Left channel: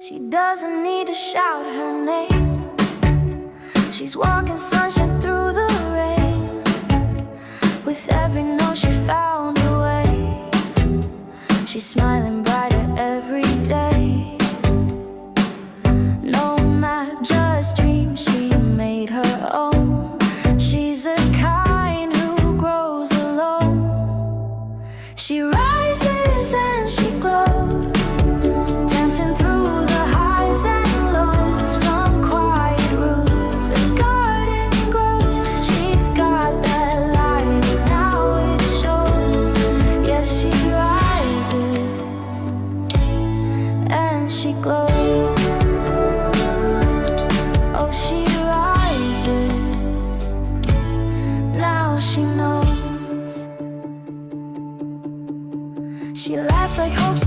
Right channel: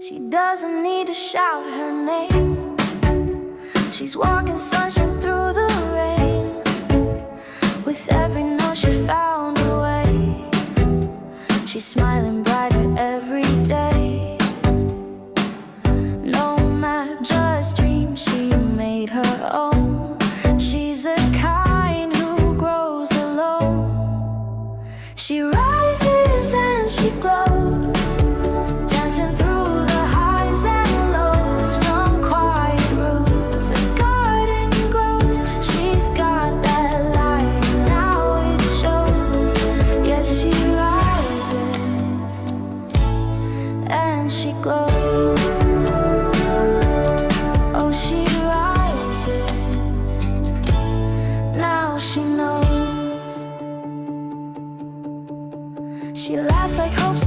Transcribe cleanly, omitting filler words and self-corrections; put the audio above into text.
She doesn't need to shout her name. She's walking sunshine through the rain. With every note she found a way. She's smiling brighter every day. No map, just dream she made her own. She's a kind who grows alone. She rises and she glows, dancing through the highs and lows. From quiet roots a garden grows. She's got that light and now it shows. Yes, she rises and she glows. Oh, she rises, now she knows. She laughs like hope's